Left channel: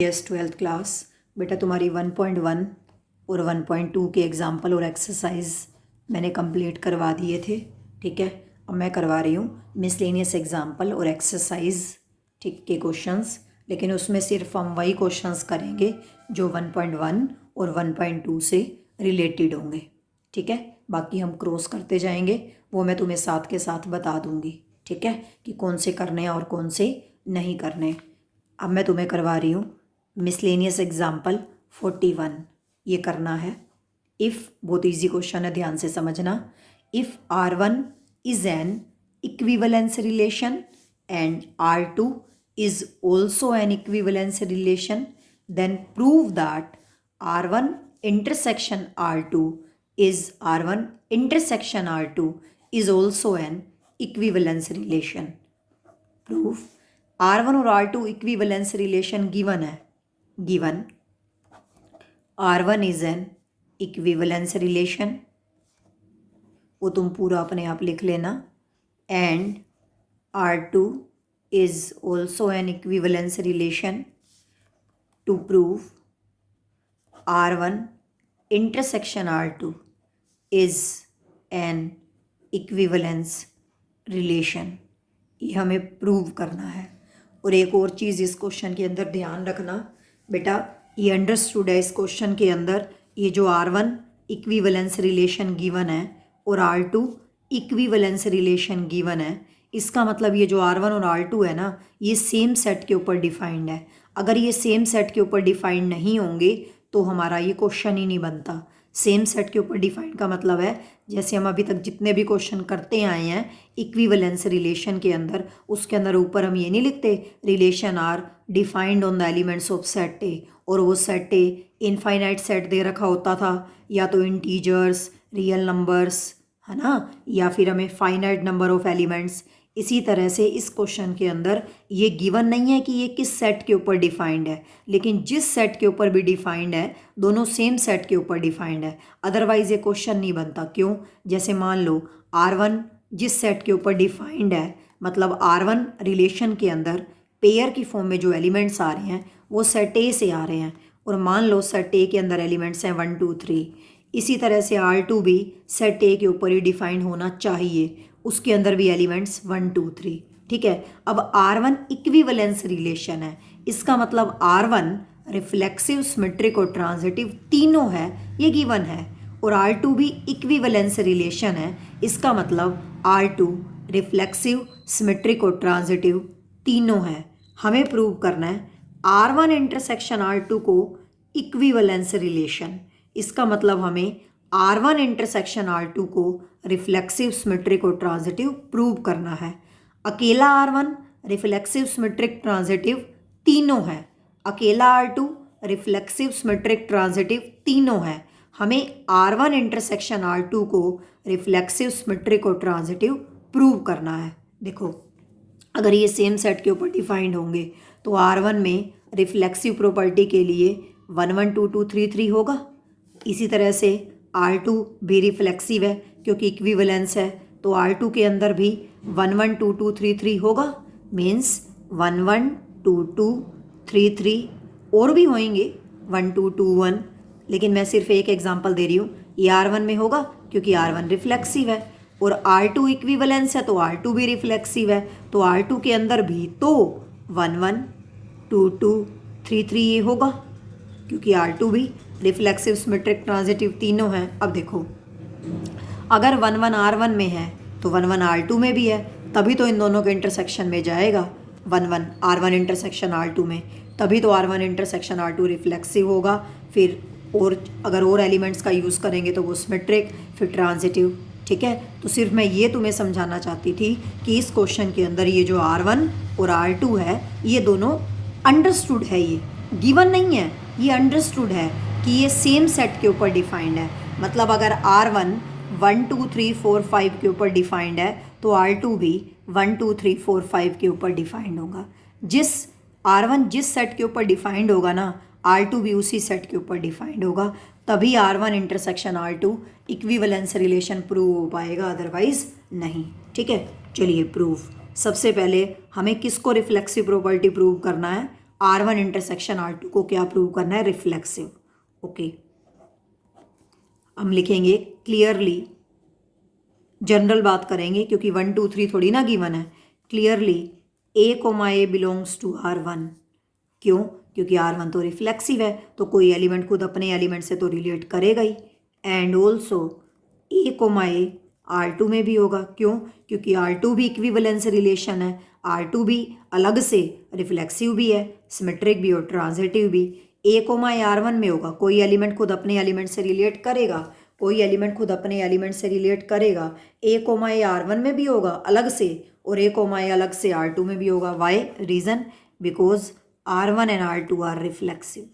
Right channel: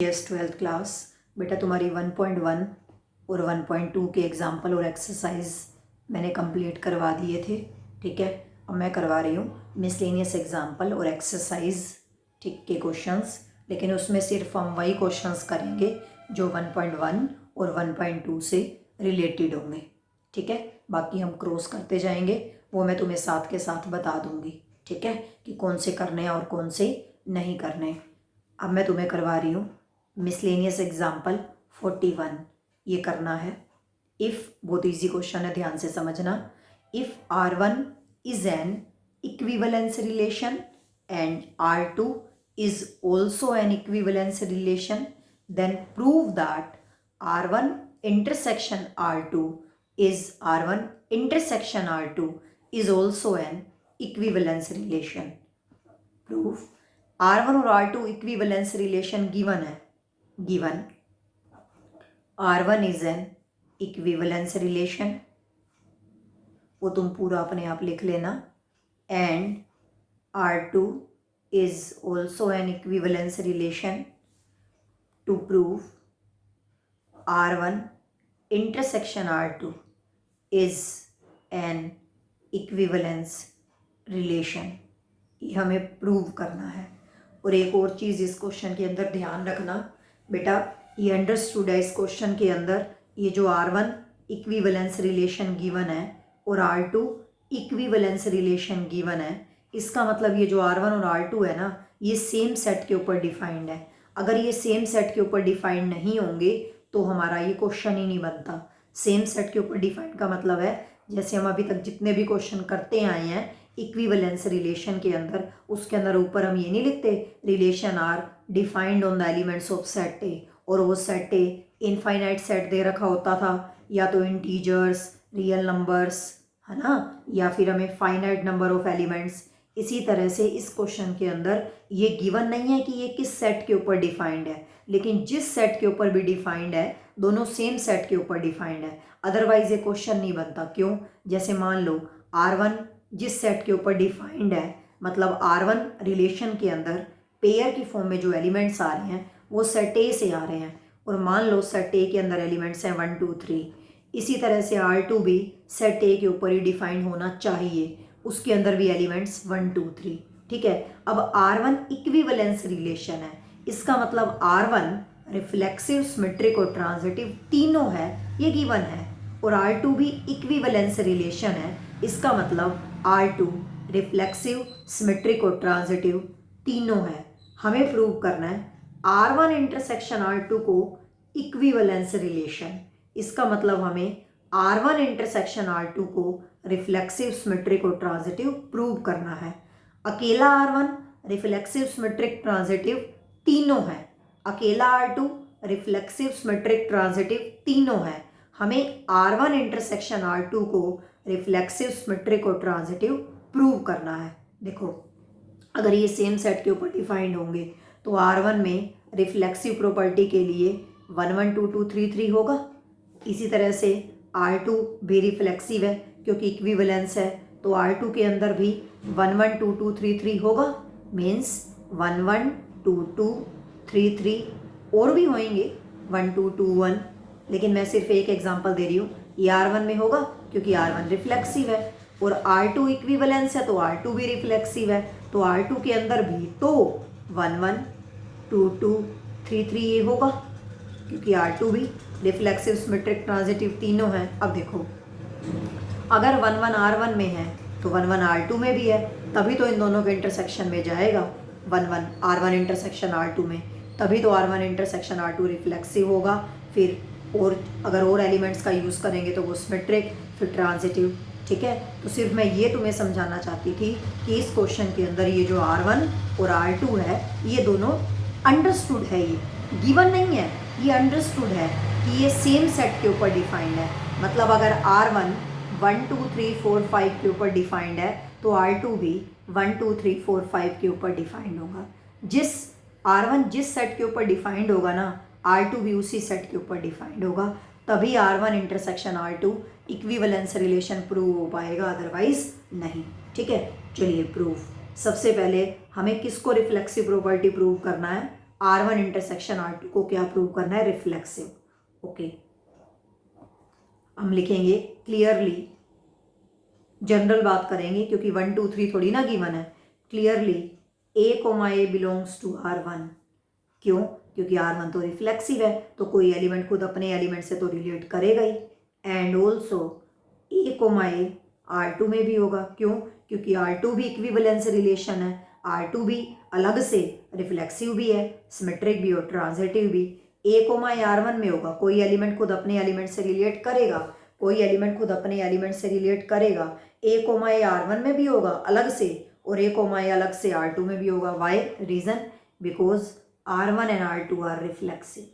Yes 12th class बेटा तुम्हारी 1.1 और 1.2 के एग्ज़ाम्पल और एक्सरसाइज मैंने कंप्लीट करवा दिए थे। ठीक है, अब मैं करवा रही हूँ मिसलेनियस एग्ज़ाम्पल और एक्सरसाइज ठीक के क्वेश्चंस, लेकिन उसमें सिर्फ हम वही क्वेश्चंस करेंगे जो 1.1 और 1.2 से रिलेटेड होंगे। ठीक है, बाकी हम क्रॉस करते जाएंगे, वो मैं तुम्हें साथ के साथ बता दूँगी। ठीक है, कि कौन से करने हैं और कौन से नहीं करने। अब मैं तुम्हें करवा रही हूँ मिसलेनियस एग्जाम्पल 41, ये करना है। इफ़ बहुत इजी क्वेश्चन है, ध्यान से समझना। If R1 is an equivalence relation and R2 is also an equivalence relation, then prove that R1 intersection R2 is also an equivalence relation. Proof R1 और R2 equivalence relation given है। Given R1 is an equivalence relation, वो तुम पूरा अपने आप लिख लेना, and R2 is also an equivalence relation. To prove R1 intersection R2 is an equivalence relation, ये हमें प्रूव करना है। और एक और चीज़ इस क्वेश्चन के अंदर ध्यान रखना बेटा, ये अंडरस्टूड है इस क्वेश्चन के अंदर, ये जो R1 इक्विवेलेंस रिलेशन गिवन है और R2 इक्विवेलेंस रिलेशन गिवन है, इसका मतलब ये जो R1 और R2 है ना, ये सेम सेट के ऊपर डिफाइंड है। अगर ये सेम सेट के ऊपर डिफाइंड नहीं होंगे तो हमारा ये क्वेश्चन ही नहीं बनता। सेम सेट के ऊपर डिफाइंड का मतलब है, जैसे हम अभी तक जितने भी क्वेश्चन करते आए हैं इक्विवेलेंस रिलेशन के अंदर, उसके अंदर ऊपर हम ये नहीं लिखते relation are defined on the elements of set A, और वो सेट ए इनफाइनाइट सेट दे रखा होता था, या तो इंटीजर्स, रियल नंबर्स, है ना, या फिर हमें फाइनाइट नंबर ऑफ एलिमेंट्स। इसी तरह से इस क्वेश्चन के अंदर ये गिवन नहीं है कि ये किस सेट के ऊपर डिफाइंड है, लेकिन जिस सेट के ऊपर भी डिफाइंड है दोनों सेम सेट के ऊपर डिफाइंड है, अदरवाइज ये क्वेश्चन नहीं बनता। क्यों? जैसे मान लो R1 जिस सेट के ऊपर डिफाइंड है, मतलब R1 रिलेशन के अंदर पेयर की फॉर्म में जो एलिमेंट्स आ रहे हैं वो सेट ए से आ रहे हैं, और मान लो सेट ए के अंदर एलिमेंट्स हैं 1 2 3। इसी तरह से R2 भी सेट ए के ऊपर ही डिफाइंड होना चाहिए, उसके अंदर भी एलिमेंट्स 1 2 3। ठीक है, अब R1 इक्विवेलेंस रिलेशन है, इसका मतलब R1 रिफ्लेक्सिव, सिमेट्रिक और ट्रांजिटिव तीनों है, ये गिवन है। और R2 भी इक्विवेलेंस रिलेशन है, इसका मतलब R2 रिफ्लेक्सिव, सिमेट्रिक और ट्रांजिटिव तीनों है। हमें प्रूव करना है R1 इंटरसेक्शन R2 को इक्विवेलेंस रिलेशन, इसका मतलब हमें R1 इंटरसेक्शन R2 को रिफ्लेक्सिव, सिमेट्रिक और ट्रांजिटिव प्रूव करना है। अकेला R1 रिफ्लेक्सिव, सिमेट्रिक, ट्रांजिटिव तीनों है, अकेला R2 रिफ्लेक्सिव, सिमेट्रिक, ट्रांजिटिव तीनों है। हमें R1 इंटरसेक्शन R2 को रिफ्लेक्सिव, सिमेट्रिक और ट्रांजिटिव प्रूव करना है। देखो, अगर ये सेम सेट के ऊपर डिफाइंड होंगे तो R1 में रिफ्लेक्सिव प्रॉपर्टी के लिए 1 1 2 2 3 3 होगा। इसी तरह से R2 भी रिफ्लेक्सिव है क्योंकि इक्विवेलेंस है, तो R2 के अंदर भी 1 1 2 2 3 3 होगा। मीन्स 1 1 2 2 3 3 और भी होंगे 1 2 2 1, लेकिन मैं सिर्फ एक एग्जांपल दे रही हूँ। ये R1 में होगा क्योंकि R1 रिफ्लेक्सिव है, और R2 इक्विवेलेंस है तो R2 भी रिफ्लेक्सिव है, तो R2 के अंदर भी तो 1 1 2 2 3 3 ये होगा क्योंकि R2 भी रिफ्लेक्सिव, सिमेट्रिक, ट्रांजिटिव तीनों हैं। अब देखो, अगर 1 1 R1 में है तो 1 1 R2 में भी है, तभी तो इन दोनों के इंटरसेक्शन में जाएगा 1 1 R1 इंटरसेक्शन R2 में, तभी तो R1 इंटरसेक्शन R2 रिफ्लेक्सिव होगा। फिर और अगर और एलिमेंट्स का यूज़ करेंगे तो वो सिमेट्रिक, फिर ट्रांजिटिव। ठीक है, तो सिर्फ मैं ये तुम्हें समझाना चाहती थी कि इस क्वेश्चन के अंदर ये जो R1 और R2 है ये दोनों अंडरस्टूड है, ये गिवन नहीं है, ये अंडरस्टूड है कि ये सेम सेट के ऊपर डिफाइंड है। मतलब अगर R1 1 2 3 4 5 के ऊपर डिफाइंड है तो R2 भी 1 2 3 4 5 के ऊपर डिफाइंड होगा। जिस R1 जिस सेट के ऊपर डिफाइंड होगा ना, R2 भी उसी सेट के ऊपर डिफाइंड होगा, तभी R1 intersection R2 equivalence relation prove हो पाएगा, अदरवाइज नहीं। ठीक है, चलिए प्रूफ। सबसे पहले हमें किसको रिफ्लेक्सिव प्रॉपर्टी प्रूव करना है? R1 इंटरसेक्शन R2 को क्या प्रूव करना है, रिफ्लेक्सिव। ओके, हम लिखेंगे क्लियरली, जनरल बात करेंगे क्योंकि 1 2 3 थोड़ी ना गिवन है। Clearly A, belongs to R1। क्यों? क्योंकि R1 तो रिफ्लेक्सिव है, तो कोई एलिमेंट खुद अपने एलिमेंट से तो रिलेट करेगा ही। एंड ऑल्सो A, R2 में भी होगा। क्यों? क्योंकि R2 भी इक्विवेलेंस रिलेशन है, R2 भी अलग से रिफ्लेक्सिव भी है, सिमेट्रिक भी और ट्रांजिटिव भी। A, R1 में होगा, कोई एलिमेंट खुद अपने एलिमेंट से रिलेट करेगा, कोई एलिमेंट खुद अपने एलिमेंट से रिलेट करेगा। A, R1 में भी होगा अलग से, और A, अलग से R2 में भी होगा। Why? Reason because R1 and R2 are reflexive,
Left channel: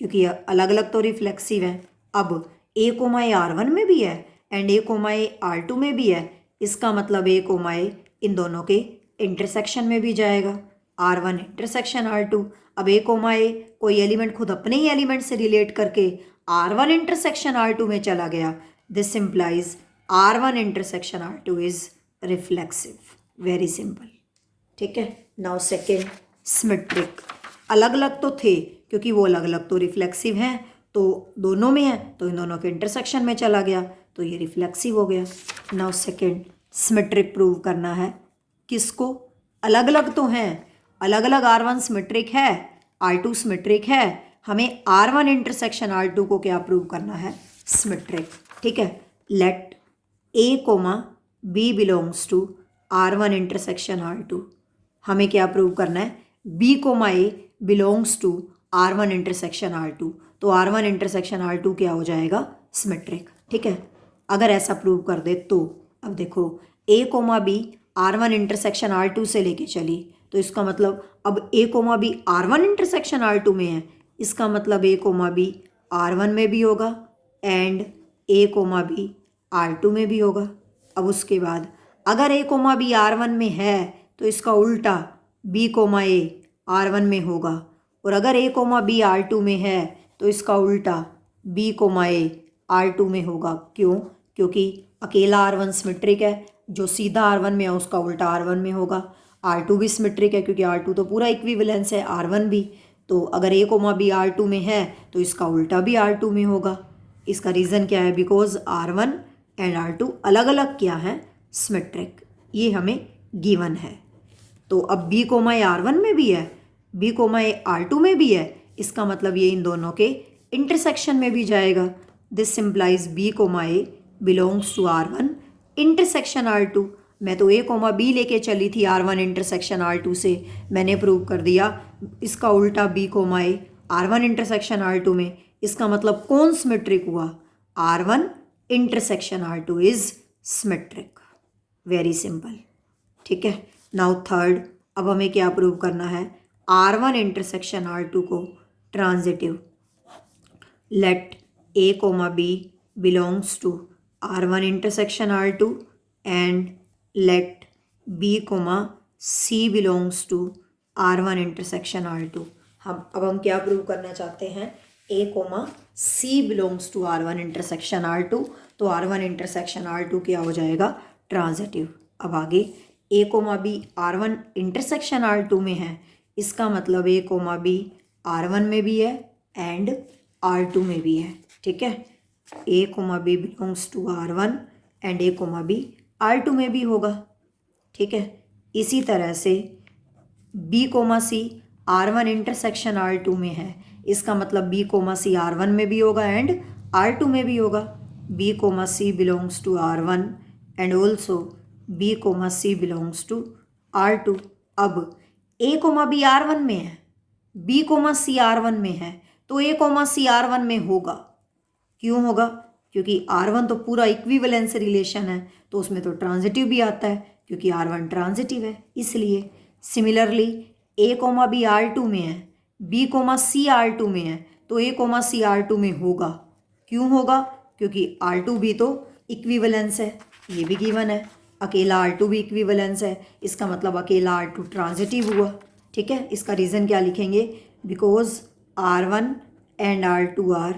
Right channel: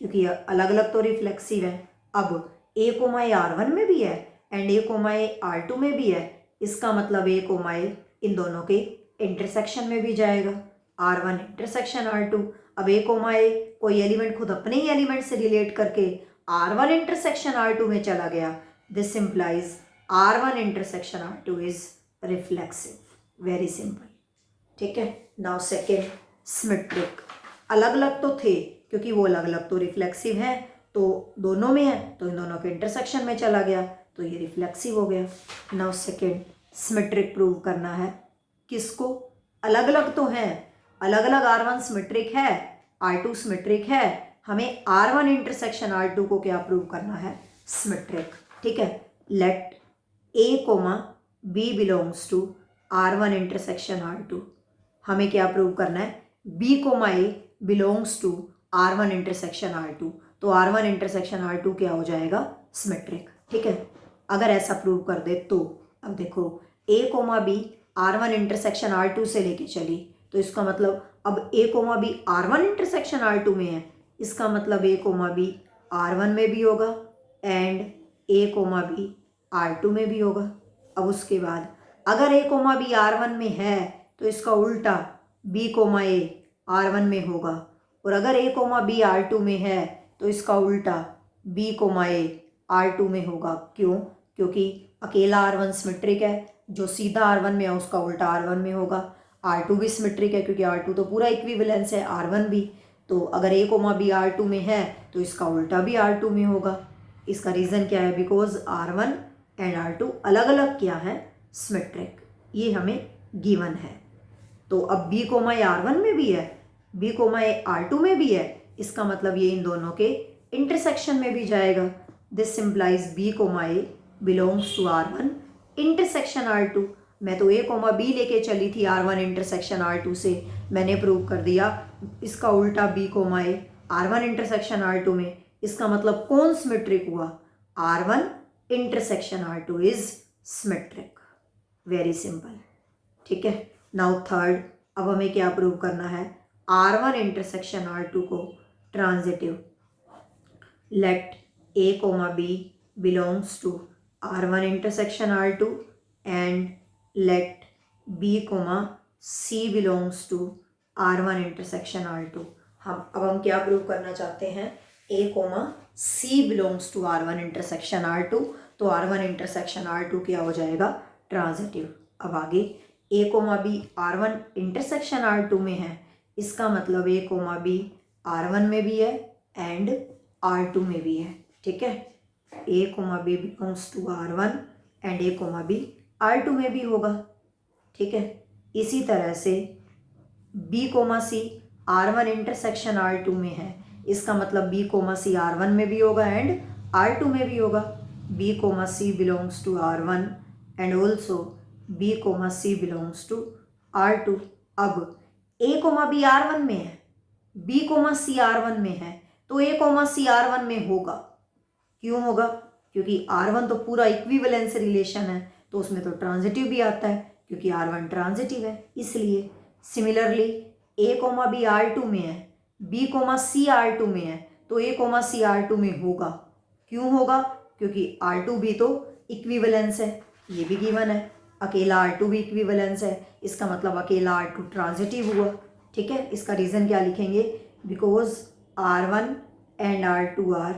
क्योंकि अलग अलग तो रिफ्लेक्सिव है। अब A, R1 में भी है एंड A, R2 में भी है, इसका मतलब A, इन दोनों के इंटरसेक्शन में भी जाएगा, R1 इंटरसेक्शन R2। अब A, कोई एलिमेंट खुद अपने ही एलिमेंट से रिलेट करके R1 इंटरसेक्शन R2 में चला गया, this implies R1 intersection R2 is reflexive. Very simple. ठीक है। Now second, symmetric. अलग अलग तो थे क्योंकि वो अलग अलग तो रिफ्लेक्सिव हैं, तो दोनों में है तो इन दोनों के इंटरसेक्शन में चला गया, तो ये रिफ्लेक्सिव हो गया। नाउ सेकेंड, सिमेट्रिक प्रूव करना है। किसको? अलग अलग तो हैं, अलग अलग R1 सिमेट्रिक है, R2 सिमेट्रिक है, हमें R1 इंटरसेक्शन R2 को क्या प्रूव करना है, सिमेट्रिक। ठीक है। Let A, B belongs to R1 intersection R2। हमें क्या प्रूव करना है, B, A belongs to R1 intersection R2। तो R1 इंटरसेक्शन R2 क्या हो जाएगा, सिमेट्रिक। ठीक है। अगर ऐसा प्रूव कर दे तो अब देखो A, B R1 intersection R2 से लेके चली, तो इसका मतलब अब A, B R1 intersection R2 में है, इसका मतलब A, B R1 में भी होगा एंड A, B R2 में भी होगा। अब उसके बाद अगर A, B R1 में है तो इसका उल्टा B, A R1 में होगा, और अगर A, B R2 में है तो इसका उल्टा B, A R2 में होगा। क्यों? क्योंकि अकेला R1 सिमेट्रिक है, जो सीधा R1 में है उसका उल्टा R1 में होगा। R2 भी सिमेट्रिक है क्योंकि R2 तो पूरा इक्विवेलेंस है, R1 भी, तो अगर A, B R2 में है तो इसका उल्टा भी R2 में होगा। इसका रीज़न क्या है, बिकॉज R1 एंड R2 अलग अलग क्या है, सिमेट्रिक। ये हमें गिवन है। तो अब B, R1 में भी है, B, R2 में भी है, इसका मतलब ये इन दोनों के इंटरसेक्शन में भी जाएगा। This implies B, belongs to R1 intersection R2। मैं तो A, B लेके चली थी R1 इंटरसेक्शन R2 से, मैंने प्रूव कर दिया इसका उल्टा B, R1 इंटरसेक्शन R2 में, इसका मतलब कौन सिमेट्रिक हुआ, R1 intersection R2 is symmetric. Very simple. ठीक है। नाउ थर्ड, अब हमें क्या प्रूव करना है, R1 इंटरसेक्शन R2 को transitive. Let A, B belongs to R1 intersection R2 and let B, C belongs to R1 intersection R2। हम क्या प्रूव करना चाहते हैं, A, C belongs to R1 intersection R2, तो R1 इंटरसेक्शन R2 क्या हो जाएगा, ट्रांजिटिव। अब आगे A, B R1 intersection R2 में है, इसका मतलब A, B R1 में भी है एंड R2 में भी है। ठीक है। A, B belongs to R1 and A, B R2 में भी होगा। ठीक है। इसी तरह से B, C R1 intersection R2 में है, इसका मतलब B, C R1 में भी होगा एंड R2 में भी होगा। B, C belongs to R1 and also B, C belongs to R2। अब A, B R1 में है, B, C R1 में है, तो A, C R1 में होगा। क्यों होगा? क्योंकि R1 तो पूरा इक्विवेलेंस रिलेशन है, तो उसमें तो ट्रांजिटिव भी आता है क्योंकि R1 ट्रांजिटिव है, इसलिए। सिमिलरली A, B R2 में है, B, C R2 में है, तो A, C R2 में होगा। क्यों होगा? क्योंकि R2 भी तो इक्विवेलेंस है, ये भी गिवन है, अकेला R2 भी इक्विवेलेंस है, इसका मतलब अकेला R2 ट्रांजिटिव हुआ। ठीक है। इसका रीज़न क्या लिखेंगे, because R1 and R2 are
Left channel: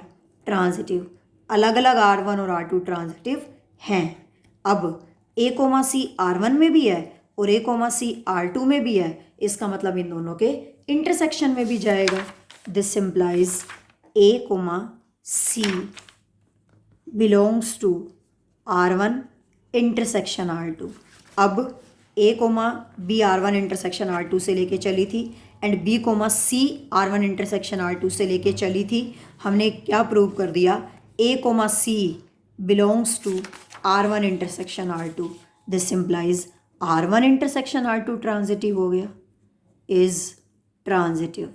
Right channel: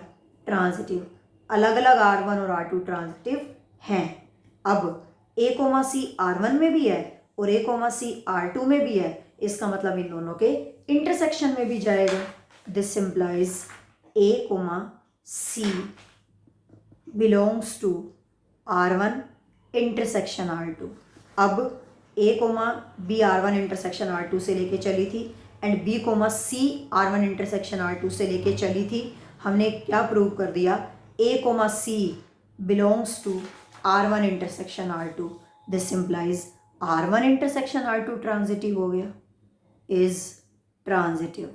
transitive, अलग अलग R1 और R2 ट्रांजिटिव हैं। अब A, C R1 में भी है और A, C R2 में भी है, इसका मतलब इन दोनों के इंटरसेक्शन में भी जाएगा। This implies A comma C belongs to R1 intersection R2। अब ए coma B R1 intersection R2 से लेके चली थी and B comma C R1 intersection R2 से लेके चली थी। हमने क्या प्रूव कर दिया, a comma C belongs to R1 intersection R2। This implies R1 intersection R2 transitive हो गया, इज ट्रांजिटिव।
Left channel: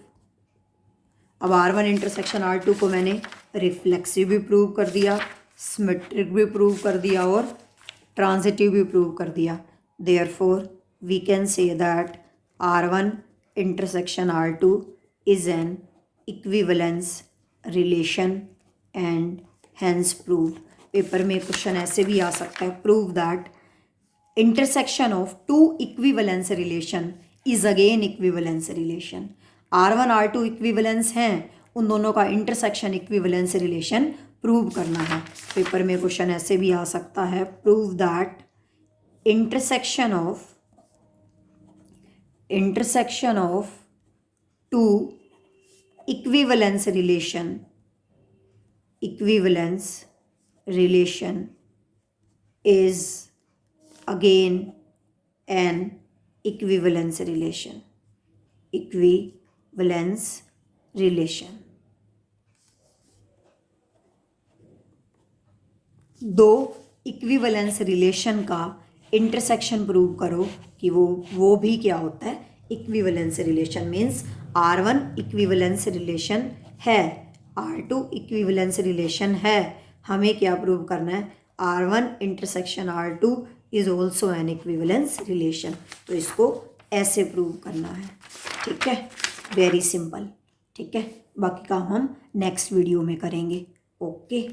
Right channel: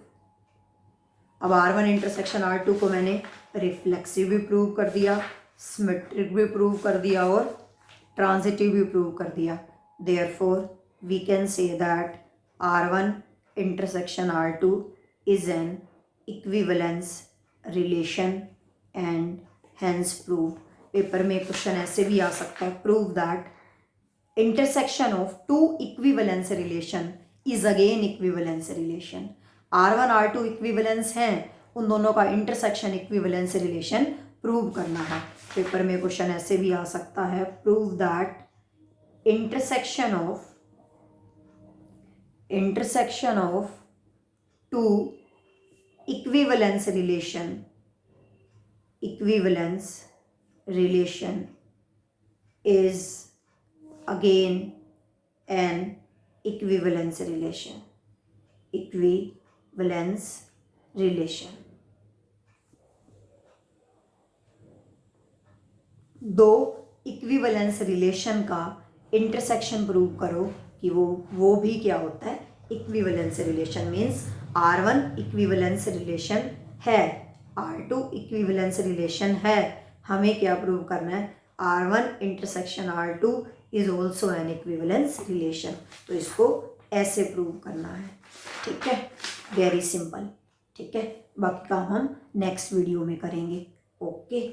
अब R1 इंटरसेक्शन R2 को मैंने रिफ्लेक्सिव भी प्रूव कर दिया, सिमेट्रिक भी प्रूव कर दिया और ट्रांजिटिव भी प्रूव कर दिया। Therefore we can say that R1 intersection R2 is an equivalence relation and hence prove. Paper में क्वेश्चन ऐसे भी आ सकता है, prove that intersection of two equivalence relation is again equivalence relation. R1 R2 equivalence हैं, उन दोनों का इंटरसेक्शन इक्विवेलेंस रिलेशन प्रूव करना है। पेपर में क्वेश्चन ऐसे भी आ सकता है, prove that intersection of two equivalence relation is again an equivalence relation। दो इक्विवेलेंस रिलेशन का इंटरसेक्शन प्रूव करो कि वो भी क्या होता है, equivalence relation. Means R1 equivalence relation है, R2 इक्विवेलेंस रिलेशन है, हमें क्या प्रूव करना है, R1 intersection R2 is also an equivalence relation. तो इसको ऐसे प्रूव करना है, ठीक है, वेरी सिंपल, ठीक है। बाकी काम हम नेक्स्ट वीडियो में करेंगे। ओके।